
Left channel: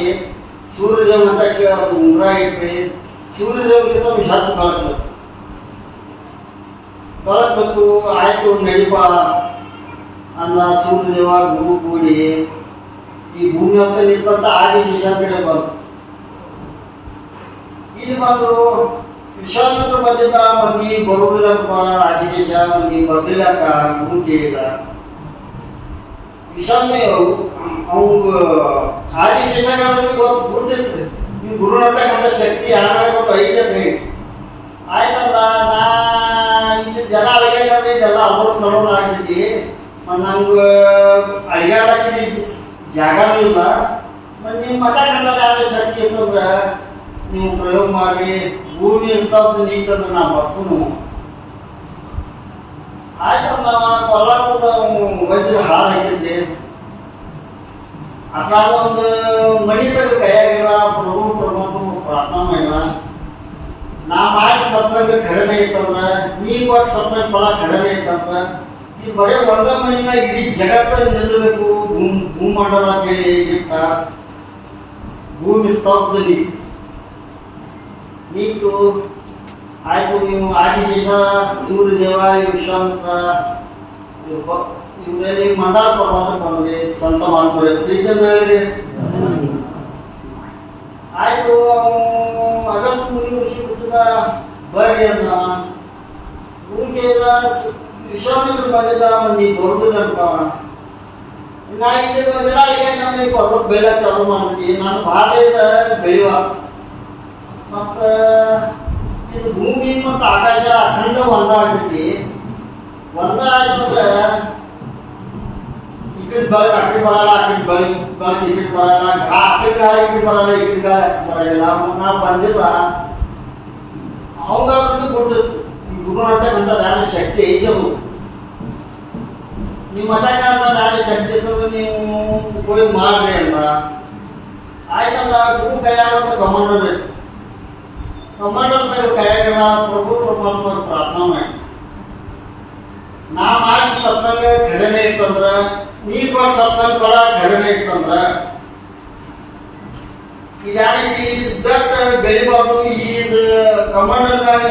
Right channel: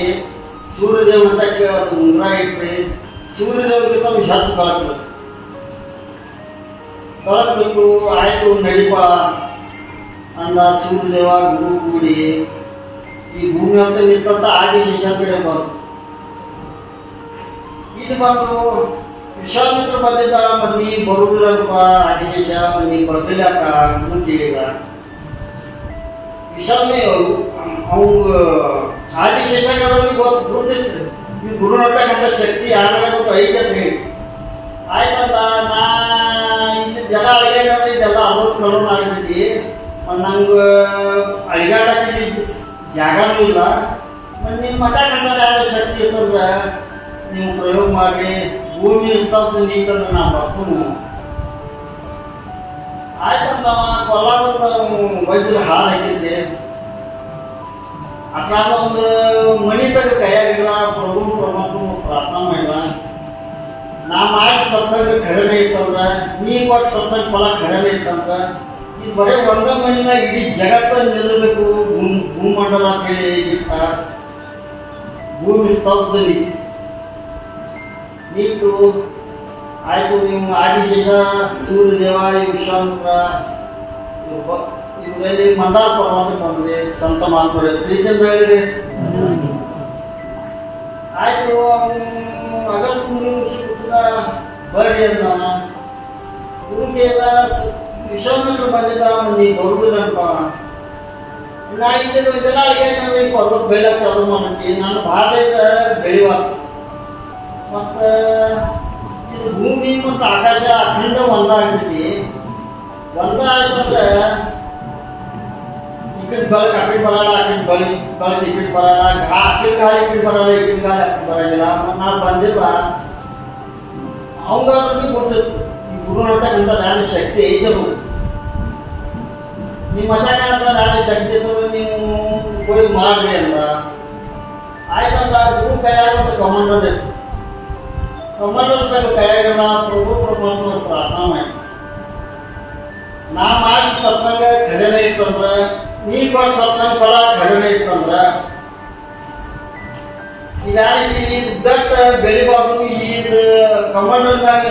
ಸೂರ್ಯದೇವ ಮಟ್ಟಕ್ಕೆ ಅದು ಉಂಗುರ ಇಟ್ರಿ. ಸೂರ್ಯದೇವರಿಗೆ ನಮ್ಗೆ ಹೆಚ್ಚು ಬೆಳಕು ಬಂತು. ಆಯಿತು ನಡಿಪ ಅಂದ ಸೂರ್ಯದೇವ ಗುರು ಕೂಡಿ ಈ ಭೂಮಿ ಅಂತ ನಿಂತ ಆದಿಶೇಷ ಕಡೆ ಬಂತು. ಇಲ್ಲಿ ಬಂದರು. ವಿಶ್ವಾಮಿತ್ರ ಬಂದಿದ್ದ, ಮಂದಿ ಬರುವುದಿಲ್ಲಪ್ಪ ಆದಿಶೇಷ, ಮಂದಿ ಬರ್ಲಿಲ್ಲಕ್ಕ ಗುರು ಕೇಳಿದ. ವಿಷಾಮಿ ಅವಂಗ ಆದಿಶೇಷಗಾರರಿಗೆ ಗೊತ್ತಿತ್ತು ಈ ಗುರುನಟ್ಟಕ್ಕಂಥ ಶಕ್ತಿ ಯಾರು ಗೊತ್ತು ಐತೆ ಅಂತ ಹೇಳಿ. ಆಯ್ತಂದ ನಾ ಇಲ್ಲಿ ಜನ ಅಳಿಗಾಡ ಇದೆಲ್ಲ ಅವ್ರು ಕರೋಣ ಆಗ್ತೈತಿ, ನಂಗೆ ಅಳಿಗಾಡಕ್ಕೆ ಜಾಗನೂ ಇಲ್ಲ. ಮತ್ತು ನಿಮ್ಮ ಮಠ ಕಂಡ ಶಕ್ತಿ ಇತ್ತಂದ್ರೆ ನೀವು ಪ್ರಯೋಗ ಮಾಡಿ ಭೂಮಿ ಸ್ಥಾಪನೆ ನೀತಂದ್ರೆ ನಾ ಬರ್ತನು ಆಯ್ತಂದ ಕೊಲ್ಲಾರದ ವಜ್ರ ಹಾಲು ಹಾಕಿದ್ದೆ ಅಕ್ಕಾದ ಒಂದು ಮಣಿ ತೆಗೆದು ಕೈಯಾಗಿಲ್ಲ ಪ್ರಭು ಪರಮಾತ್ಮ ಪ್ರಾರ್ಥನಾ ಮಾಡಿಲ್ಲ ನಾ ಮಾಡಿ ಸತ್ಸಂಗ ಖರೇನೆ ಇತ್ತಂದ್ರೆ ನೀ ಒಟ್ಟು ಸತ್ಸಂಗ ಫಲ ಖರೇನೆ ಇತ್ತಂತ ಇದು ಬರೀ ಒಂದ ಮಣಿನ ಇಡೀ ಜಗತ್ತ ನಿಲ್ಲಬೇಕು ಭೂಮಂಡಲ ಅಂತ ಹೇಳಿ ಇಟ್ಟ ಭೂಮಿ ಸ್ತಬ್ಧಲಿ ನೀತು ಆಯ್ತು ನೀವು ಆದಿಶೇಷ ಸೂರ್ಯದೇವ ವಿಶ್ವಾಮಿತ್ರ ಇವರಲ್ಲಿ ಮಂದಾರ ಪರ್ವತ ಬಂದಿದೆ ಸಂತ ಮಾಡ್ತಾರೆ ಪ್ರೀತಿಯಿಂದ ಹೇಳಿರಿ ಆಯ್ತು ಆಗಸ್ಟ್ ಮುಂದಿನ ವರ್ಷ ಕೂತದ ಬರ್ರಿ ಅಂತ ಗುರುಗೆ ಎಲ್ಲ ವಿಶ್ವಾಮಿತ್ರ ಬಂದಿದ್ದ ನೀ ಬರುದಿಲ್ಲಪ್ಪ ನಾ ಇಲ್ಲಿದ್ದ ಒಂದಿನ ಈಗ ನಾನು ಪರ್ವತ ಬೆಳೆ ಚಾಲು ಮಾಡ್ತೀನಿ ನಾನು ಭಾಳ ಬೆಳೆಯುವ ಮತ್ತು ಇದು ಭೂಮಿ ಮತ್ತು ಆಕಾಶ ಅಖಂಡ ಒಂದಾಗ್ತೈತಿ ಒಂದಾಯ್ತಂದ್ರೆ ಈ ಕಡೆ ಬೆಳಗ್ಗೆ ಆ ಕಡೆ ಬರಲ್ಲ ಆ ಕಡೆ ಬೆಳಗ್ಗೆ ಈ ಕಡೆ ಬರಲ್ಲ ಆ ಕಡೆ ಗಾಳಿ ಈ ಕಡೆ ಬರಲ್ಲ ಈ ಕಡೆ ಗಾಳಿ ಬರಂಗಿಲ್ಲ ನಾನು ಬಂದಿಲ್ಲ ಅವಂಗಾದ್ರೂ ಕೊಡ್ತಿತ್ತು ಈ ಗುರು ಮಟ್ಟಕ್ಕಂತ ನಾನು ಶಕ್ತಿ ಐತದು ನಿಮ್ಮ ಮಟ್ಟಕ್ಕೆ ಅಂತ ನಾನು ಶಕ್ತಿ ಇರ್ತದೆ ನೀವು ಹೋಗಿ ಮಾಡ್ರಿ ಅಂತ ಆಯ್ತಂದ ಗುರು ಕೈಯಾಗ ಕಮಾಂಡರ್ ಇತ್ತು ಕಮಾಂಡರ್ ಕೈಯಾಗ ಪ್ರಭು ಪರಮಾತ್ಮ ಪ್ರಾರ್ಥನಾ ಮಾಡಿ ನಾ ಮಾಡಿ ಸತ್ಸಂಗ ಖರೇನೆ ಇತ್ತಂದ್ರ ನೀ ಕೊಟ್ಟು ಸತ್ಸಂಗ ಫಲ ಖರೇನೆ ಇತ್ತಂದ್ರ ಇದಾಗಿ ಬೆಟ್ಟ ಬೆಳಿಬಾರ್ದು ಇದು ಕಮಾಂಡರ್ನಾಗ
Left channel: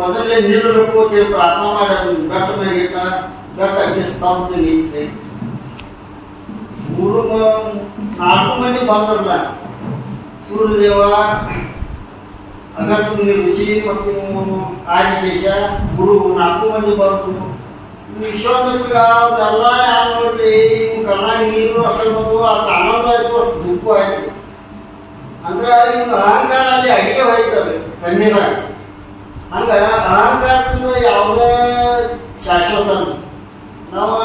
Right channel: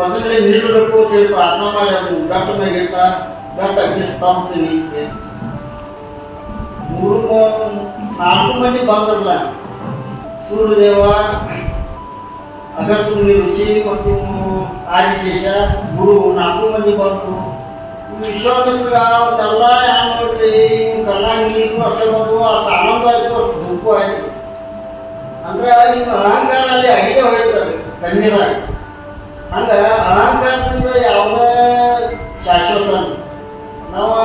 ಮೊದಲೇ ನಿಲ್ಲಬೇಕು ಅಂತ ಹೇಳಿ ಪ್ರಾರ್ಥನಾ ಮಾಡಿ ಅದನ್ನು ಬೆಟ್ಟ ಮೇಲೆ ಇಟ್ಟ ಬೆಟ್ಟ ಅಗ್ಗಿಸ್ತಾಂತೀನಿ ನಾಲ್ಕು ಮಂದಿ ಬಂದ್ರಲ್ಲ ಸೂರ್ಯದೇವ ಅಗಸ್ತ್ಯ ಮುನಿ ಋಷಿ ಮತ್ತು ಆದಿಶೇಷ ಗುರು ನಾಲ್ಕು ಮಂದಿ ಬಂದರು ವಿಶ್ವಾಮಿತ್ರ ಅವರೆಲ್ಲ ಯಾವ ನೋಡ್ರಿ ಕಣ್ಣ ನೀರು ಅಷ್ಟೇ ಬಂದು ಅಷ್ಟು ಆನಂದ ಆಯ್ತು ಅಷ್ಟು ದುಃಖ ಆಯ್ತು ಅಂದ್ರೆ ಇವ್ ಅಹಂಕಾರ ಅಲ್ಲಿ ಅಡಿಗೆ ಹೋಯ್ತದೆ ಕಣ್ಣಿದಾಗ ಹಂಗ ಅಹಂಕಾರದಿಂದ ಯಾವುದೇ ಶಾಶ್ವತ ನಾವು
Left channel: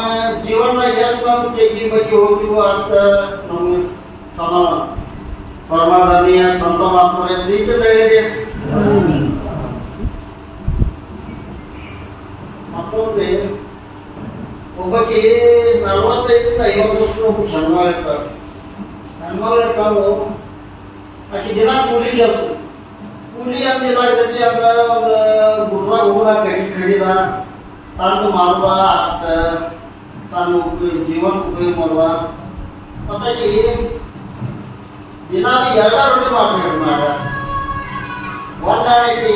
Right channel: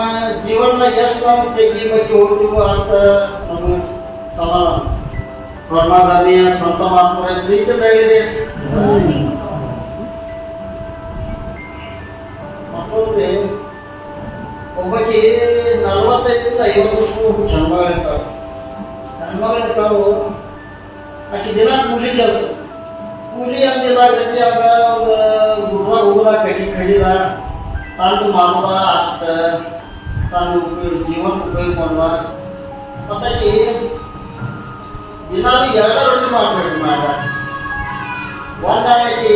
ಜೀವನದಾಗ ಎಷ್ಟು ನಾವು ತೆಗಿ ಬಗ್ಗೆ ಹೋಗ್ತೀವೋ ಅಷ್ಟ ನಮ್ಗೆ ಸಮಾಧಾನ ಪರಮಾತ್ಮೀಯ ಸಂತ ಮಾತ್ರ ಪ್ರೀತಿಯಾಗಿದೆ ಮತ್ತೊಂದು ಒಬ್ಬಕ್ಕೆ 45 50 ವರ್ಷ ಒಬ್ಬ ಹೆಣ್ಮಗಳು ಇರ್ತಾವೆ ಹೆಣ್ಮಗಳು ಇರ್ತಾವು ಆಕೆ ದಿನ ಕೂಲಿ ಕೆಲಸ ಕೂಲಿ ಅಂದಿಲ್ಲ ಇರ್ತೈತಿ ಹಂಗ ಒಂದು ಗುಡ್ದಾಗ ಹೋದ ಕಡಿದ ತಂದು ಮಾಡ್ದ ಅಷ್ಟ ತಾನು ಜೀವನ ಉಪಯೋಗ ಮಾಡ್ದ ಮತ್ತಾಕಿ ದಿನಾಲು 2 ರೊಟ್ಟಿ ಮಾಡ್ಬೇಕು ಮಾಡ ಒಂದಾಗೈತಿ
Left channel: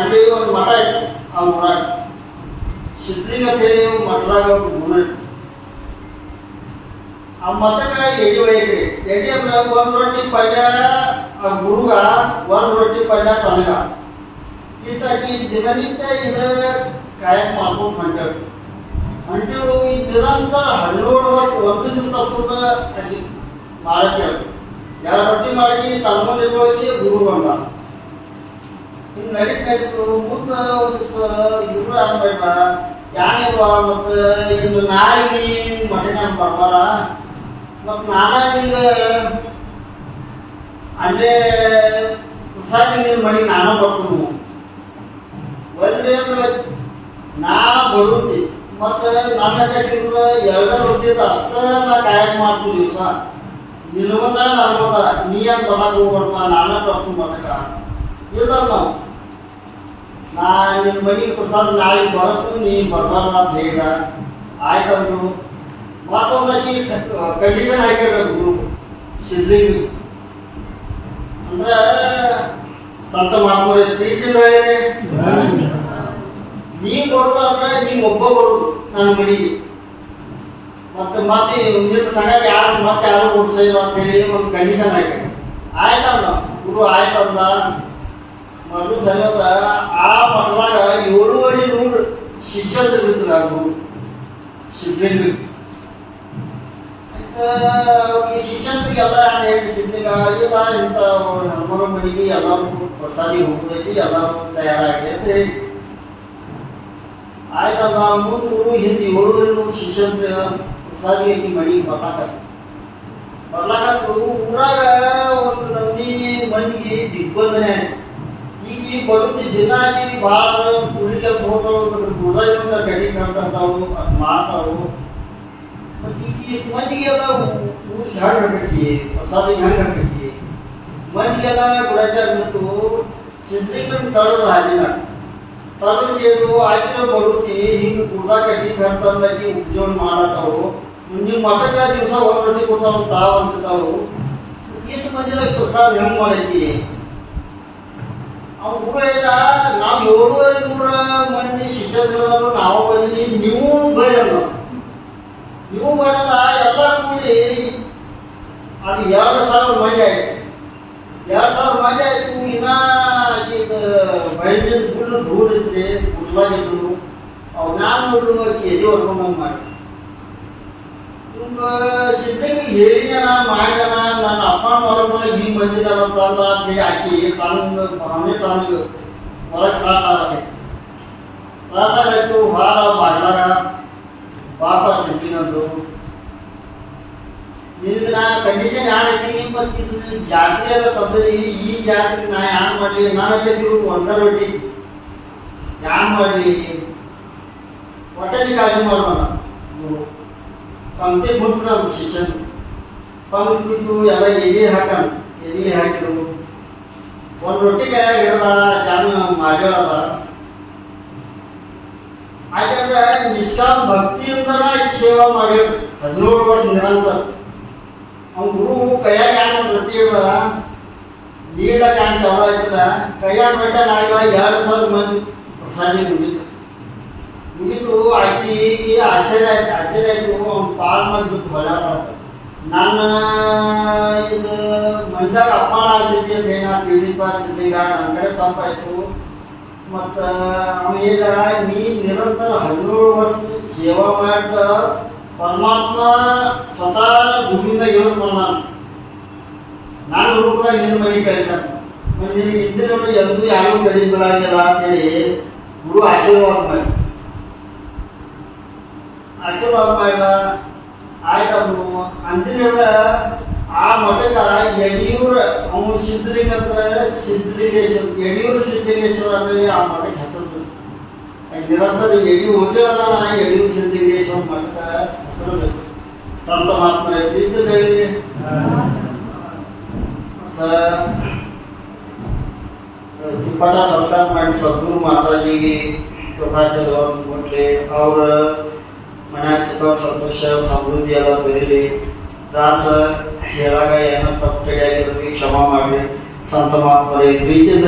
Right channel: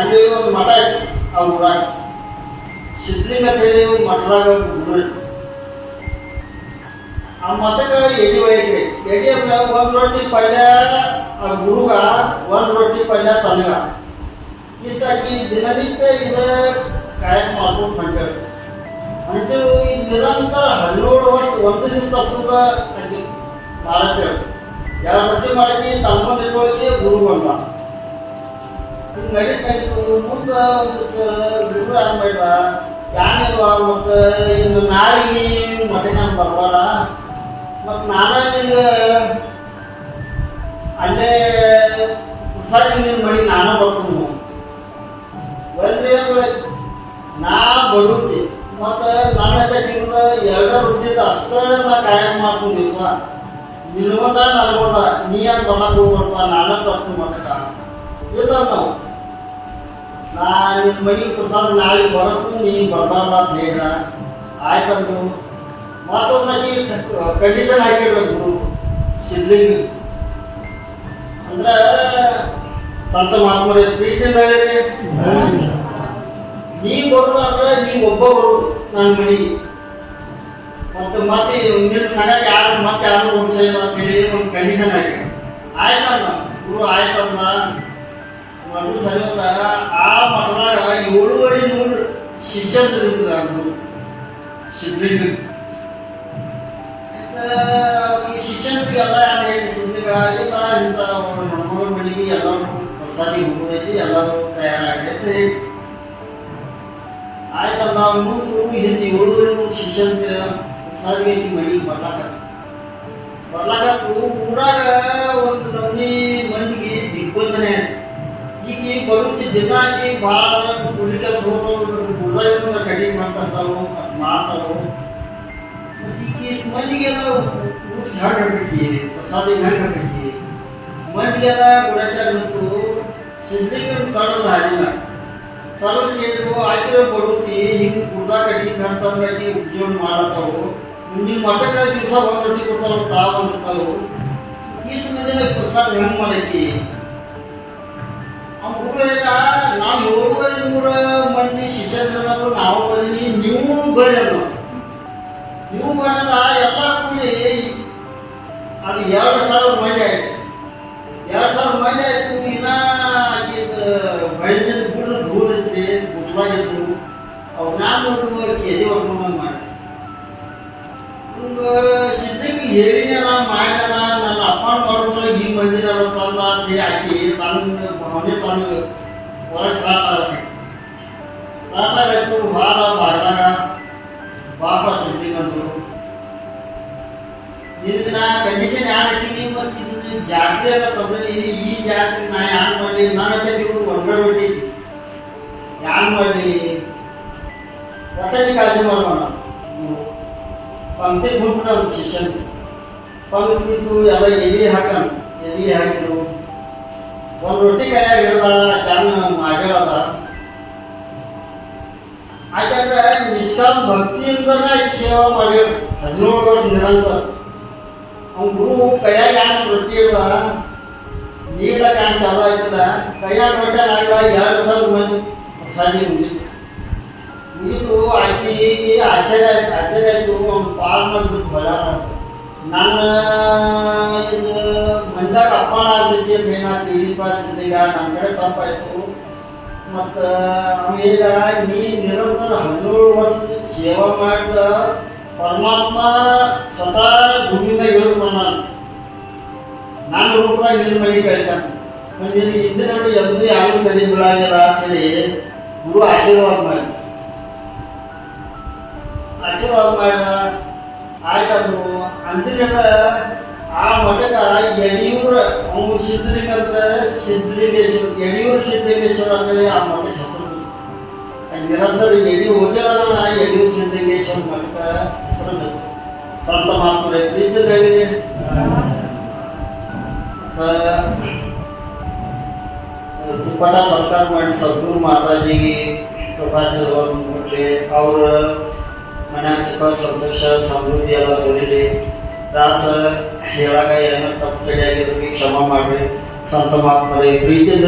ಅಲ್ಲಿ ಒಂದು ಮಠ ಐತಿ ಆ ಊರಾಗ ಸಿದ್ಲಿಂಗ ಅಂತ ಹೇಳಿ ಮಠದಾಗ ಗುರು ಆ ಮಠಕ್ಕೆ ಎಡಿ ಒಯ್ಯಕ್ರಿ ಎಡಿ ಅಂದ್ರೆ 1 ರೊಟ್ಟಿ ಪಲ್ಯ ಆ ಗುರುಗ 1 ರೊಟ್ಟಿ ಪಲ್ಯ ತನಗ ಇತ್ತಾಗಿ ದಿನನಿತ್ಯ ಇದು ಕಾಯಕ ಮಾಡ್ಕೊಂಡು ಹೊಂಟೇವು ಈ ನಿರಂತರ 17 ವರ್ಷ ಒಂದು ದಿವಸ ತಪ್ಪಿದ ಮಾಡಕ್ಕೆ 2 ರೊಟ್ಟಿ ಮಾಡಕ್ಕೆ ತನ್ನ ಮುಂದೆ ಹೋಗಿ ಗುರು ಬಂದ ನಡೀತು ಮುಂದೆ ಒಂದು ಗುರು ಆಗ್ಬೇಡ ಯಾನಿಲ್ವ ಮತ್ತು ಇನ್ನು ನಾಳೆ ಮಠಕ್ಕೆ ಬರಬೇಡ ಮತ್ತು ನಾನಾಗ ಅಲ್ಲೇ ಪ್ರಸಾದಿ ನೀನು ಮಡಿ ನಾನು ಬರ್ತೀನಿ ಒಂದು ನಾ ಬರುತ್ತಿ ಮತ್ತು ನನ್ನ ತಿಂಗಳ 2 ರೊಟ್ಟಿದ ಅಷ್ಟೇ ನಾ ಕಾಯಕ ಮಾಡ್ತೀನಿ ದಿವಸ ನಿಲ್ವದ ನಲ್ವದ ನೀ ಅಂತ ಬರಕ್ಕೆ ಹೋಗ್ಬಟ್ಟ ನಾನು ತರ್ತೀನಿ ಮಠಕ್ಕೆ ಇಲ್ಲ ನಾವು ನಾ ನಿಮ್ಮ ಮನೆಗೆ ಪ್ರಸಾದ ನಾಳೆ ಬರತ್ತು ನೀ ಬರಬಾರ್ದ ಅಂತ ಹೇಳ ಆಯ್ತಂದು ಮತ್ತೊಂದಾಗಿ ಕಂಡೀಷನ್ ಹಾಕಿರ್ಬೇಕು ಸಿದ್ಲಿಂಗ ಅಂದ್ರೆ ಸಂತ ಮಹಾತ್ಮರ ಪ್ರೀತಿಯಿಂದ ಹೇಳಿ ನೀ ಬರೋದಾದ್ರೆ ನೀ ಒಬ್ಬ ಬರೋದು ನನ್ನ ಮನೆಗೆ ಮತ್ತೆ ನಿನ್ನ ಸಂಗಟ ಯಾರು ಮತ್ತೆ ಯಾರು ಓದಿಸಿಲ್ಲ ಅಂತ ಹೇಳಿ ಒಂದು ಕಂಡೀಷನ್ ಹಾಕಿ ಆಯ್ತಲ್ಲ ಗುರು ಆಯ್ತಲ್ಲ ಅದು ಸಲದ ಆ ಮಠದಾಗ 7,500 ಶಿಷ್ಯರು ಇರ್ತಾರೆ ಆ ಗುರು ಸಿದ್ಲಿಂಗ ಈ ಶಿಷ್ಯಂತ್ರಿಗೆಲ್ಲ ಏನು ಸಿದ್ಲಿಂಗ ಇಲ್ಲ ಇಂಥ ಹೆಣ್ಮಗಳ ಮನೆಗೆ ಎಲ್ಲರೂ ಪ್ರಸಾದಿ ಹೋಗೋದೈತಿ ಎಲ್ಲರೂ ತಯಾರಾಗೈತಿ ಆಯ್ತಲ್ಲ ಮುಂದೆ ಗುರು ಹಿಂದೆ 7,500 ಶಿಷ್ಯಂತ್ರಿ ಪ್ರಸಾದಿ ಐತಿ ಮನೆಗೆ ಬರ್ಲಾಕ ಊರಾಗ ಒಂದು ನಮೂನಿ ಮಂದಿಗೆ ದಿಗ್ಬಂಧನೆ ಈ ಬಡುತ್ತಿ ದಿನಾಗಿ ಭಾಳ ಕೂಲಿ ಕೆಲಸ ಹೋಗೋದು ಗುರುದಾಗಿಂದ ಕಡಿಮೆ ಮಾಡ್ತಾವು ಮಾತಾವು ಮತ್ತು ಈಗ ಮಂದಿಗೆಲ್ಲ ಊಟ ಹ್ಯಾಂಗೆ ಹಾಕೈತಿ ಪ್ರಸಾದ ಹೆಂಗೆ ಹಾಕೈತಿ ಮಂದಿಗೆಲ್ಲ ಗುಲಾಚಾರ ಮತ್ತು ಸಿದ್ಧೀಕರಣ ತಡೋದು ಹಾದಿನ ತಡೋದು ಆಗಿರೋ ಬಡುತ್ತಿ ಹಿಂಗೆ ಗುರುದ ಕಡಿಮೆ ಅಂತಂದಾಗಿ ಉದ್ಯೋಗ ಮಾಡತ್ತಾವು ಮುಂದಿನ ಮಠಕ್ಕ ದಿವಸ ಒಂದು ರೊಟ್ಟಿ ಕೊಡ್ತಾವು ತಾವು ಅಂತಾವು ಇಷ್ಟು ಮಂದಿದಾಗ ಪ್ರಸಾದ ಹೆಂಗೆ ಮಾಡೈತಿ ಅವ್ರು ಈಗ ನಾವು 700 ಮಂದಿ ಶಿಷ್ಯರು ನಾವು ಬಂದೀನಿ ನೀವು ಬರಲ್ಲ ನೀವು ಬರಲ್ಲ ಎಲ್ಲ ಕೂಡಿ ಅದು 2,000 ಮಂದಿ ಆಯ್ತು 2,000 ಮಂದಿ ಆಯ್ತು ಇನ್ನ ಮೈಜದ ಗುಡ್ಡ ದೂರ ಇದ್ರಿ ಗುಡ್ಲಾಗಿದ್ರು ಅವ್ರು ನಾನು ಎದೆ ಹೊಡ್ಕೊಂಡಂಗೆ ಮಾಡಿ ಸಿದ್ಧಕ್ಕೆ ಹೇಳಿದಾನ ಮಾಡಿದಾನ ನನ್ನ ಅಪ್ಪ ನೋಡಿಸಲು ಹಿಂಗೆ ಬಂದಿದ್ದಾವ ತಂದ ಅಂತ ಹೇಳಿ ಹಾಕಿ ಅವನೇ ತನಗೆ ಒಳಗೆ ತ್ರಾಸಾಗಾಯ್ತು ಭಾಳ ಬಾಗ್ಲಾಗ ಪಾಪ ಸಿದ್ಧಿಗಂದ್ರು ನಿನ್ನ ಕಂಡೀಷನ್ ಯಾರು ಐತಿ ಮತ್ತು ಇದನ್ನ ಜಾತ್ರೆ ಎಲ್ಲ ತಂದದಿ ಈ ಜಾತ್ರೆ ನಾ ಯಾರು ಮಾಡಲಿ ನಾನು ತೆಗೆದು ಒಂದೇ ರೊಟ್ಟಿ ಯಾರು ಮಾಡಲಿ ಹೊಟ್ಟೆ ಕಾಳಜಿ ಮಾಡೋಣ ಪಂಕ್ತಿ ಕೂತ್ರು ಶಿಷ್ಯನ್ ಪಂಕ್ತಿದ್ದು ಎಲ್ಲ ಎಲೆ ಹಾಕಿದ್ರು ಒಂದು ರೊಟ್ಟಿ ಕೈಯಾಗ ಹಿಡ್ದ ಜನ ಮಾಡ್ಯಾಳದ ಯಾಕಂದ್ರೆ ನಿಷ್ಕಾಮ ಭಕ್ತಿಯಿಂದನೇ ಸೇವಾ ಮಾಡಿ 17 ವರ್ಷ ನಿರಂತರ ಅವ್ನ ಗುರು ಕೈಯಾಗ ಒಂದು ರೊಟ್ಟಿ ಹಿಡ್ದ ನೀಡಕ್ಕೆ ಹ್ಯಾಂಗ ಚಾಲು ಆಯ್ತದ ಕೈಯಾಗ ರೊಟ್ಟಿ ಆಗಿಲ್ಲ 2,000 ಮಂದಿ ಪ್ರಸಾದಿ ಮುಗೀತು ಆಕಿ ಆಶ್ಚರ್ಯ ಆಯ್ತು ಅವ್ನು ಪಾಲ್ ಮಾಡಿಬಿಟ್ಟು ಬಜಾರ ನನ್ನ ಇದು ಮಂದಾಗ ಅಪ್ಪಣ ಆಗ್ತೈತಿ ಅಂತ ಏನಾಗ್ತದೆ ಇಲ್ಲಿಪ್ಪ ಸಿದ್ಧಿಗ ನನ್ನ ಕಡೆ ತಪ್ಪಾಯ್ತು ಮತ್ತು ಈಗ ನೀ ನಿರಂತರ 17 ವರ್ಷ ಸೇವಾ ಮಾಡಿದ ಪರಮಾತ್ಮ ಸ್ವತಃ ಭೂಮಿಯಿಂದ ಇಳಿದು ನಾನು ರೂಪಾಯಿ ನಿನ್ನ ಮನೆ ಕಳಿಸಾನ ನಿನ್ನ ಹಿಂದಿನಲ್ಲಿ ಎಂದೂ ಯಾವ ಕಡಿಮೆ ಬೀಳಾಗಿಲ್ಲ ಅಂತೇಳಿ ಗುರು ಆಶೀರ್ವಾದ ಮಾಡಿದ ಆಯ್ತು ಅಂದಿನ ಆ ಮಠದ ಯಡಿಯೂರ ಅವನು ಸಿದ್ಧಲಿಂಗೇಶ್ವರ ಯಡಿಯೂರು ಸಿದ್ಧಲಿಂಗೇಶ್ವರ ಅಂದರೆ ಆ ಮಠಕ್ಕೆ ಹೆಸರು ನಿರಂತರ ಹೋಗ್ಯಾನ ಯಡಿಯೂರು ಸಿದ್ಧಲಿಂಗೇಶ್ವರ ಮಠದ ಹೆಸರು ಸಂತ ಮಹಾತ್ಮರ ಪ್ರೀತಿಯಾಗಿದೆ ತುಪ್ಪಟ ಸತ್ಕಾರ ಮಾಡಿ ಸದ್ಗುರು ಮಾತಾಜಿಗೆ ತಪಾಸಣೆ ಕೊಟ್ಟರೆ ಅವ್ರ ಮನ್ಯಾಗ ಸುಖ ಸಂತೋಷ ಸಮೃದ್ಧಿ ಎಲ್ಲ ಬರೀಲಿ ದಾಸ ಹೇಳಾಗ ಏನೋ ತಪ್ಪು ಕಡೆ ಆಗಿರೋರಿಗೆ ಕ್ಷಮ ಮಾಡಿ ಸಂತ ಮಹಾತ್ಮರ ಪ್ರೀತಿಯಿಂದ